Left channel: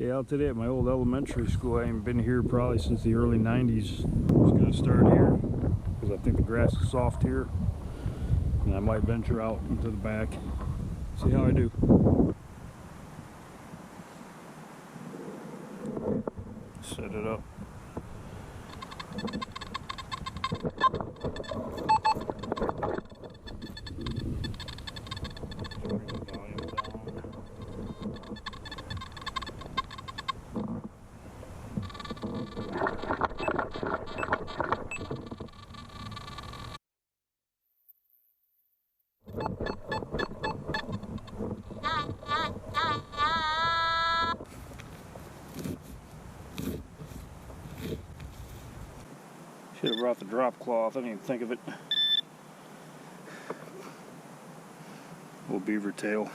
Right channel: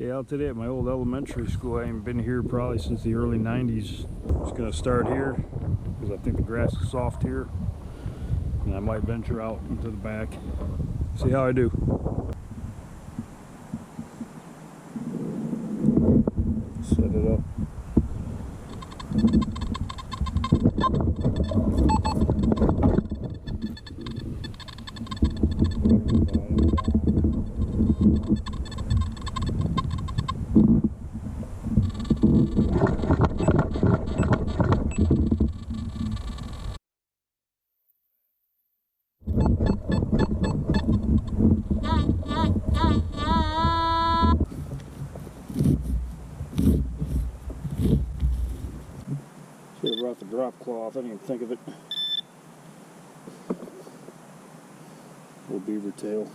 Okay, out today at my old elementary school. I haven't been here probably since the early 90s. I'm just going to start here because I think the grass is soft here. And I might venture out into the back. See how I do. Set it up. Bring the volume down. Should have brought the drop cloth. I didn't even think of it. Little beaver tail.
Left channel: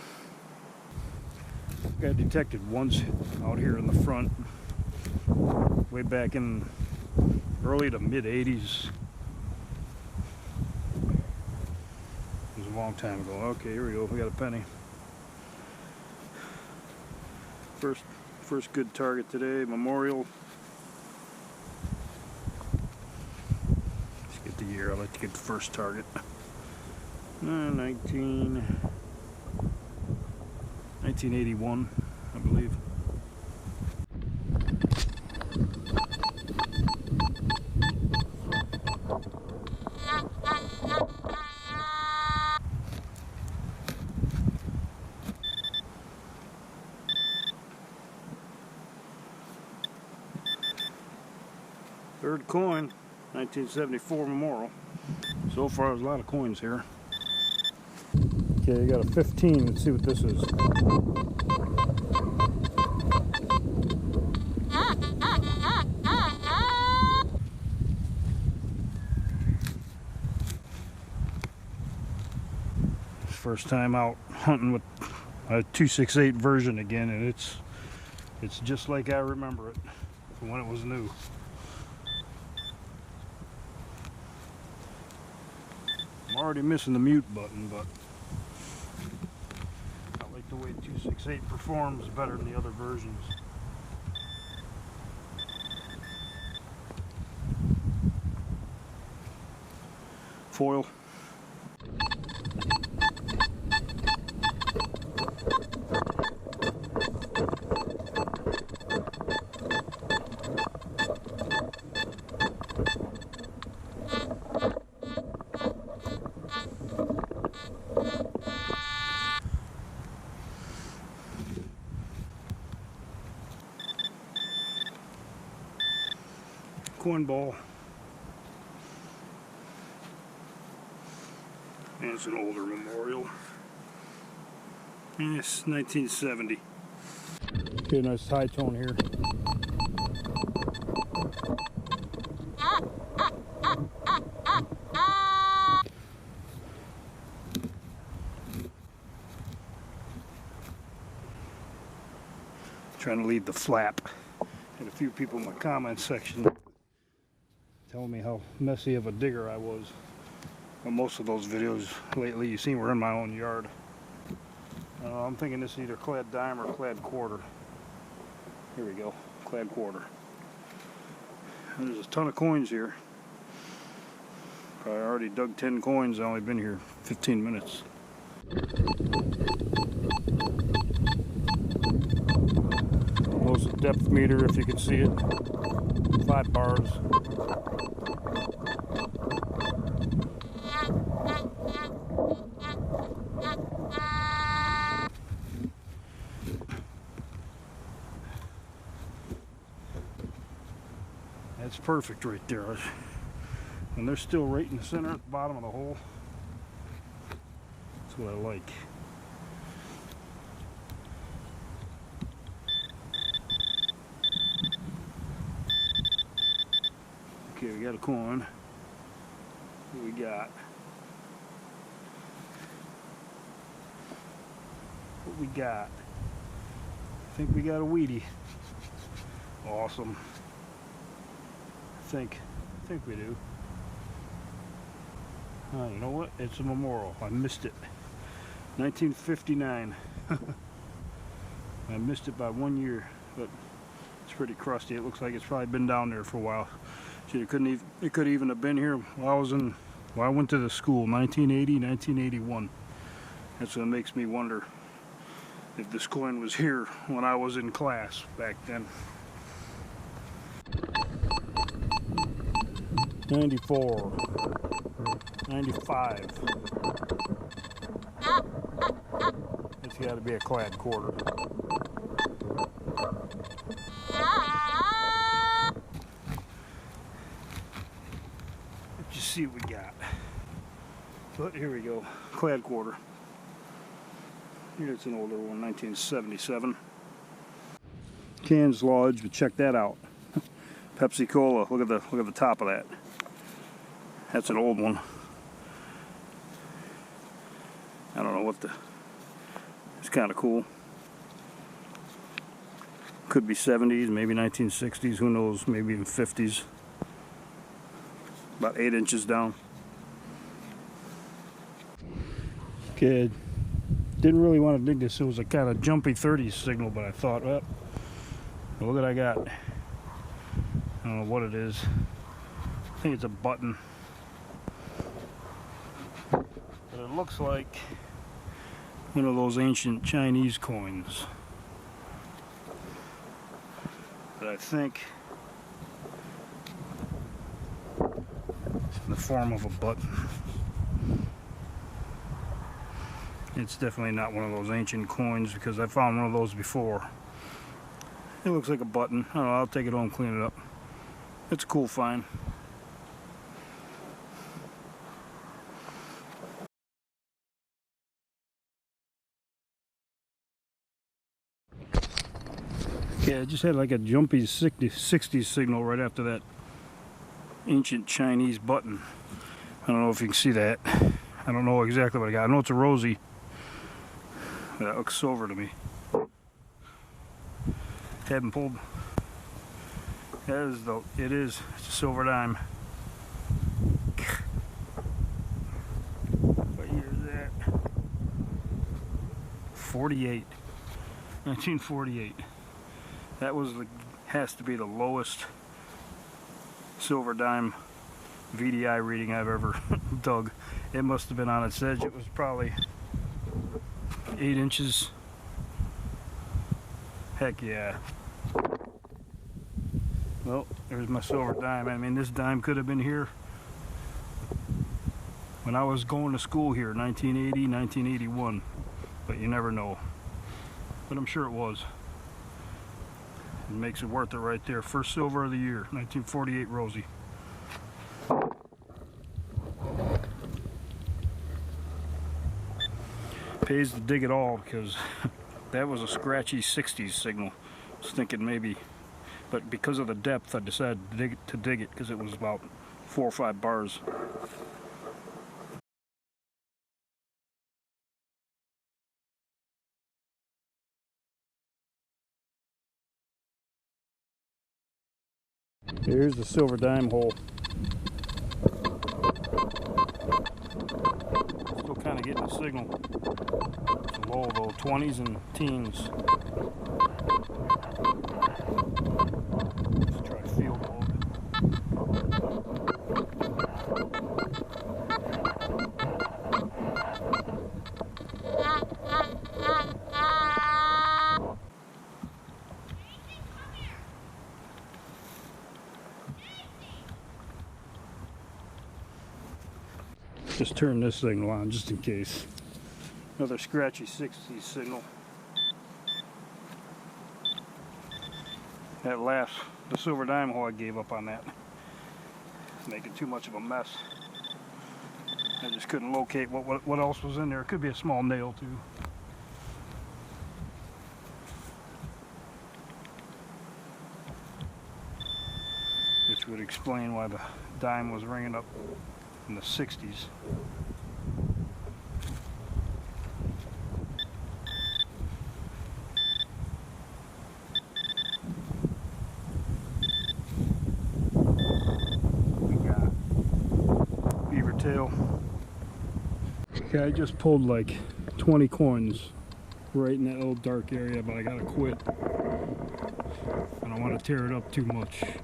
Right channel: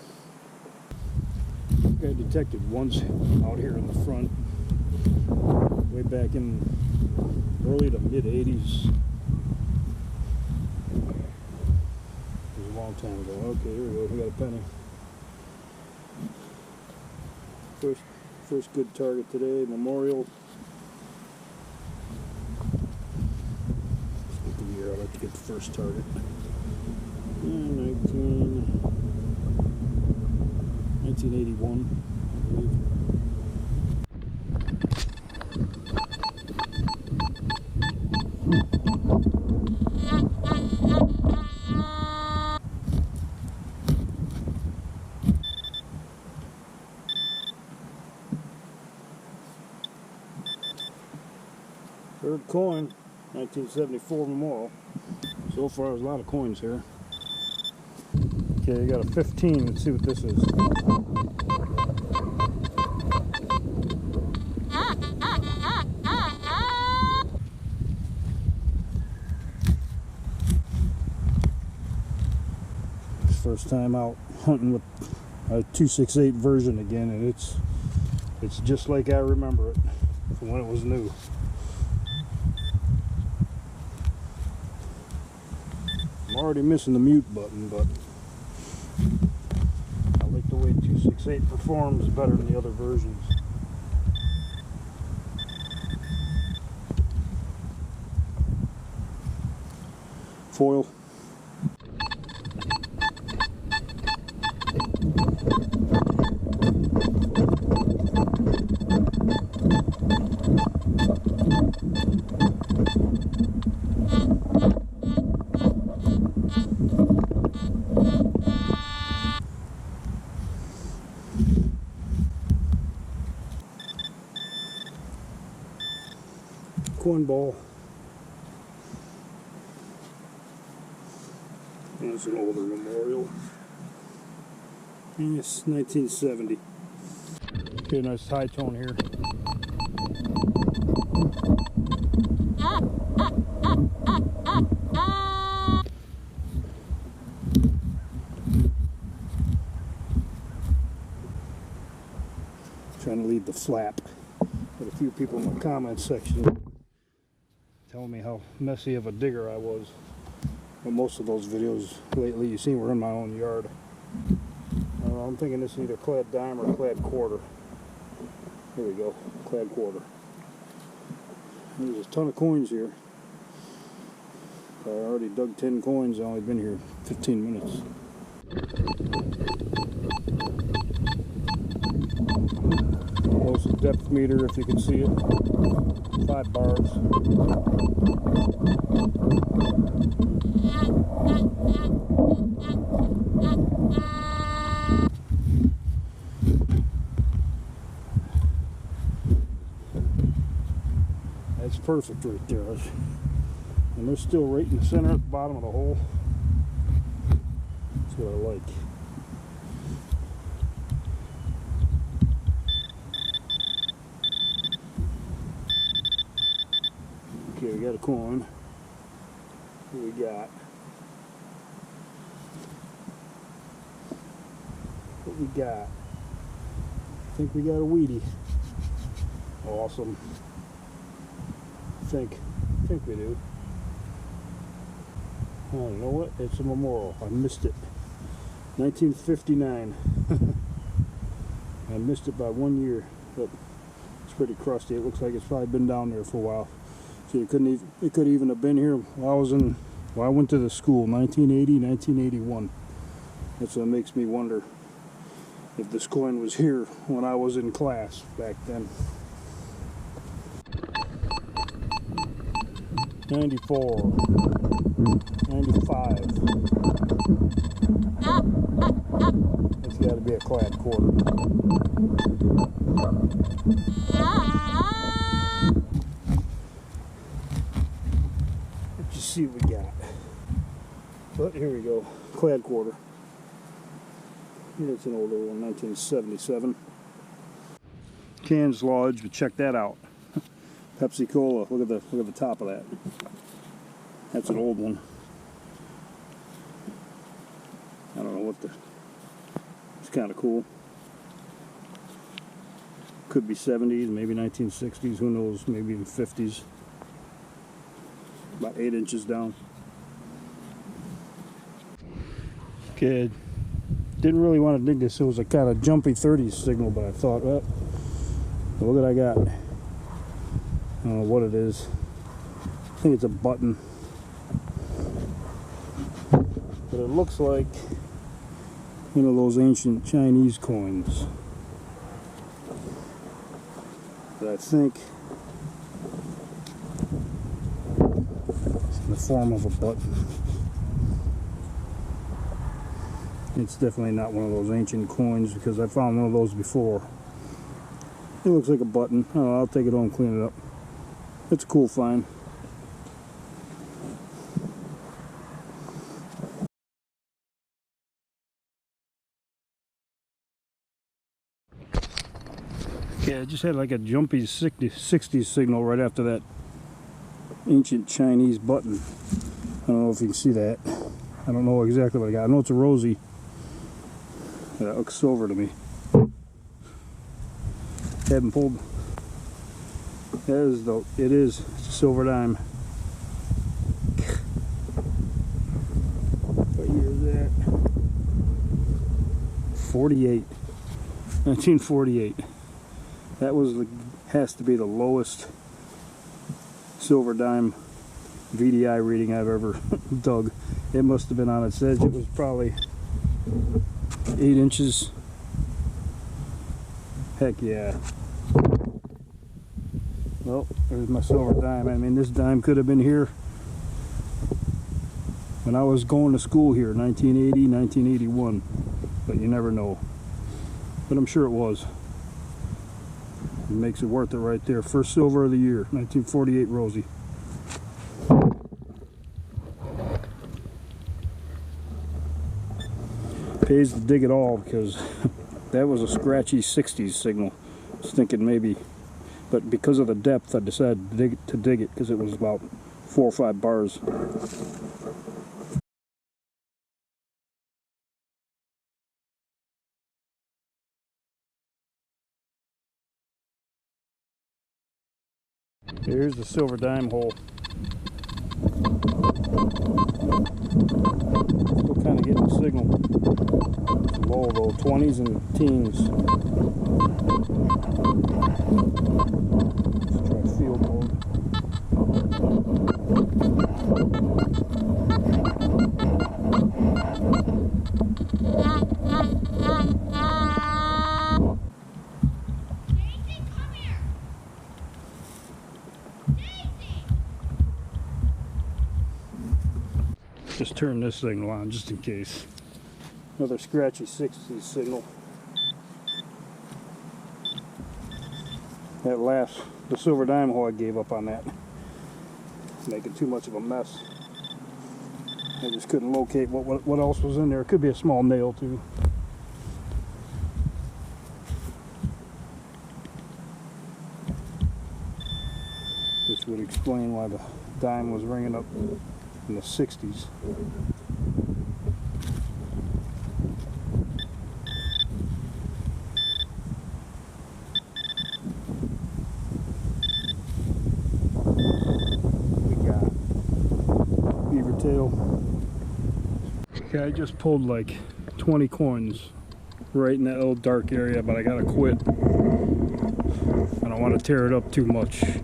Got detected once out here in the front, way back in early to mid 80s. It was a long time ago. Okay, here we go. We got a penny. First good target today. Memorial. Let's get the year. I'd like to get the first target. 1981, I believe. Third coin, 1974 Memorial. So far, there's a lot of coins here. Okay, you got a 15. Let's see what this is. First time out hunting with a 268 version again, and it's just like I remember it from when it was new. I'm already missing the mute button, but I like the way 268 performs better than the other versions. Foil. Coin ball. And it's an older memorial. And it's 1970. Okay, nice high tone here. Trying to lead the flap. Had a few people in my comments section telling me how messy of a digger I was. But most of those videos lately you've seen were in my own yard. I'm thinking this is either clad dime or clad quarter. Here we go, clad quarter. There's a ton of coins here. Probably already dug 10 coins. I've only been here 15 minutes. Most depth meter, if you can see it. 5 bars. That's perfect right there. And they're still right in the center at the bottom of the hole. That's what I like. Okay, we got a coin. What we got? What we got? I think we got a Wheatie. Awesome. I think we do. You know what? It's a memorial. I missed it. 1959. I missed it by 1 year. but it's pretty crusty. It looks like it's probably been down there for a while. See, it could even have been here while I went to the school, 1980, 1981. That's what makes me wonder if this coin was here when I was in class back then. 94, 95. It's got to be a clad quarter. Let's just see what we got. But here we go, clad quarter. Here's an older one, 1977. Cans Lodge, but check that out. Pepsi Cola. Look at the top of that. That's an old one. I don't know what the. It's kind of cool. Could be 70s, maybe 1960s. Who knows? Maybe even 50s. About 8 inches down. Okay. Didn't really want to dig this. It was a kind of jumpy 30s signal, but I thought, well, look what I got. I don't know what it is. I think it's a button. But it looks like one of those ancient Chinese coins. But I think it's in the form of a button. It's definitely not one of those ancient coins because I found one of those before. It looks like a button. I don't know, I'll take it home and clean it up. It's a cool find. Yeah, I just had like a jumpy 60s signal right after that ancient Chinese button. I don't know if you can see that. I don't know exactly what I got. I know it's a rosy. That looks silver to me. Haven't pulled. It is. It's a silver dime. What year is that? 48. 1948. That has to be the lowest silver dime VDI reading I've ever dug. It must have been on its edge. It was probably 8 inches. Heck yeah. Well, there's my silver dime. I mean, this dime could have been here when I was going to school here, 1980, 1981. But you never know. But I'm sure it was. It makes it worth it right there. First silver of the year, 1948 Rosie. Pays to dig it all because that was a scratchy 60s signal. I was thinking maybe, but because of the depth I decided to dig it because it was about 4 or 5 bars. Here's the silver dime hole. Still kind of getting a signal. It's low though, 20s and teens. Let's try field mode. Just turn this signal on just in case. Another scratchy 60s signal. That last, the silver dime hole, I gave up on that. Making too much of a mess. I just couldn't locate what else was in there. It could be a small nail too. Which would explain why the dime was ringing up in the 60s. We got beaver tail. Okay, I just pulled like 20 coins right in that little dark area, but I gotta quit. don't want to tear it up too much. You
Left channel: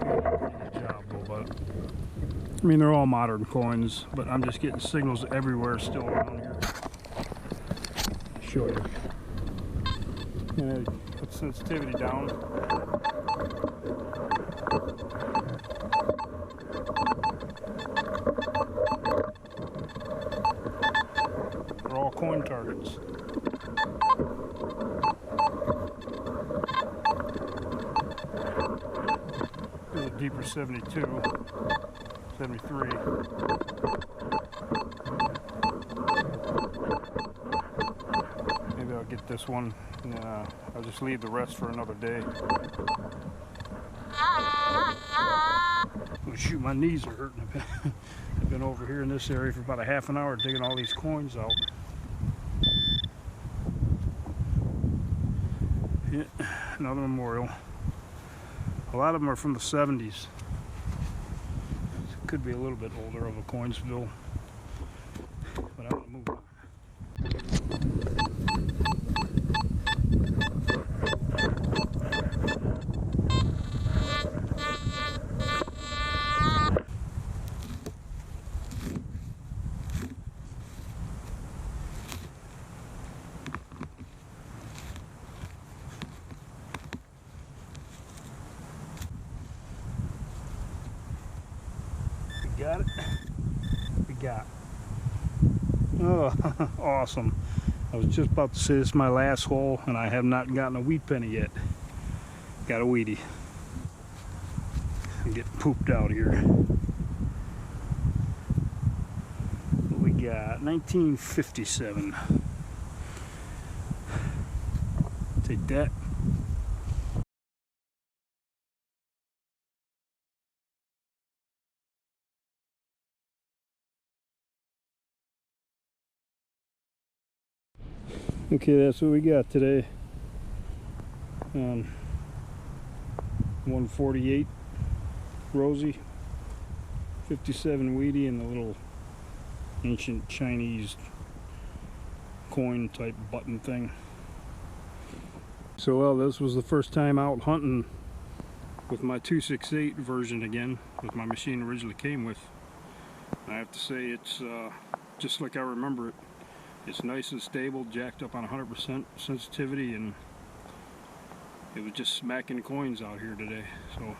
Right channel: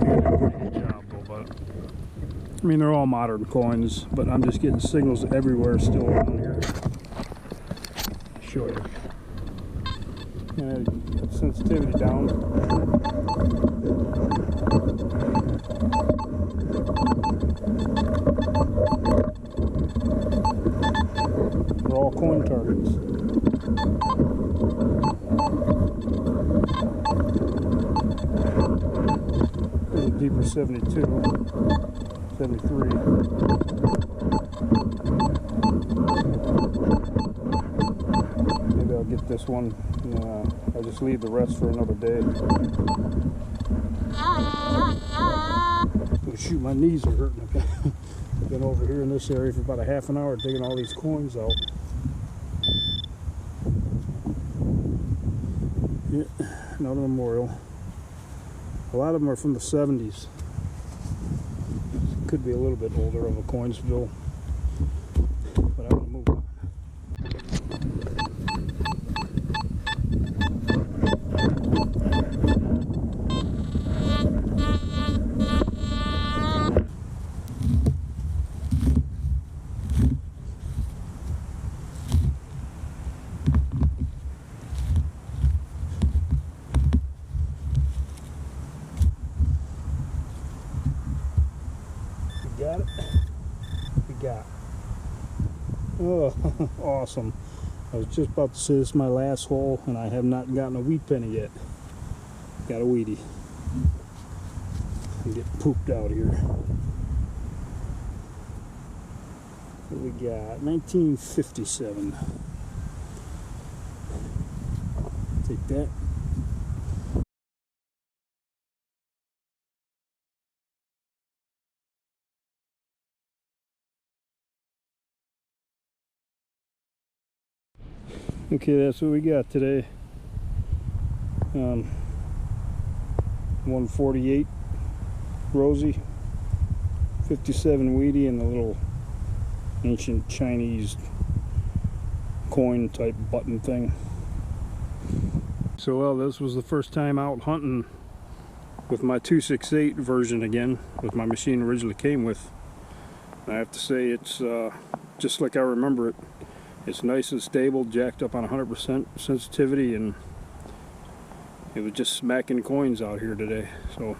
did a pretty good job though, but I mean they're all modern coins, but I'm just getting signals everywhere still around here. I'll show you. And I got sensitivity down. They're all coin targets. There's a deeper 72, 73. Maybe I'll get this one. I'll just leave the rest for another day. Oh shoot, my knees are hurting. I've been over here in this area for about a half an hour digging all these coins out. Yeah, another memorial. A lot of them are from the 70s. Could be a little bit older of a coin spill. But I'm going to move on. Got it? We got. Oh, awesome. I was just about to say this is my last hole and I have not gotten a wheat penny yet. Got a wheatie. I'm getting pooped out here. What we got? 1957. Take that. Okay, that's what we got today. 148 Rosie, 57 Wheatie, and a little ancient Chinese coin type button thing. So well, this was the first time out hunting with my 268 version again, with my machine originally came with. I have to say it's just like I remember it. It's nice and stable, jacked up on 100% sensitivity, and it was just smacking coins out here today. So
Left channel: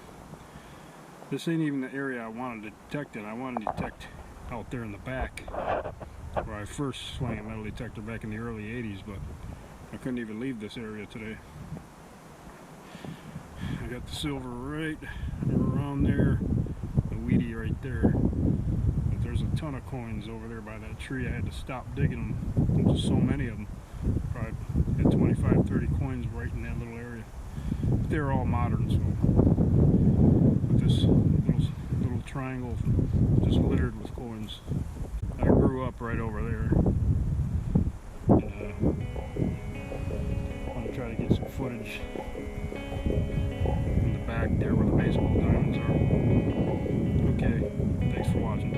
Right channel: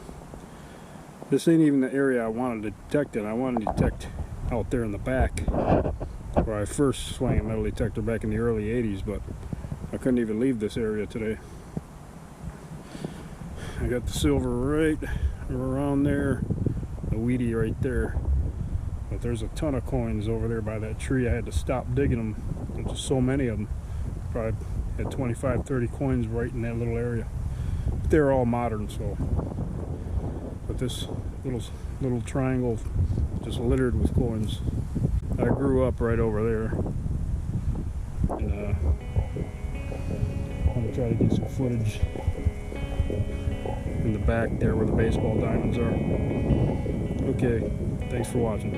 this ain't even the area I wanted to detect in. I wanted to detect out there in the back where I first swung a metal detector back in the early 80s, but I couldn't even leave this area today. I got the silver right around there, the wheatie right there. But there's a ton of coins over there by that tree. I had to stop digging them. There's just so many of them. Probably had 25, 30 coins right in that little area. But they're all modern, so. But this little triangle just littered with coins. I grew up right over there. And I'm gonna try to get some footage in the back there where the baseball diamonds are. Okay, thanks for watching.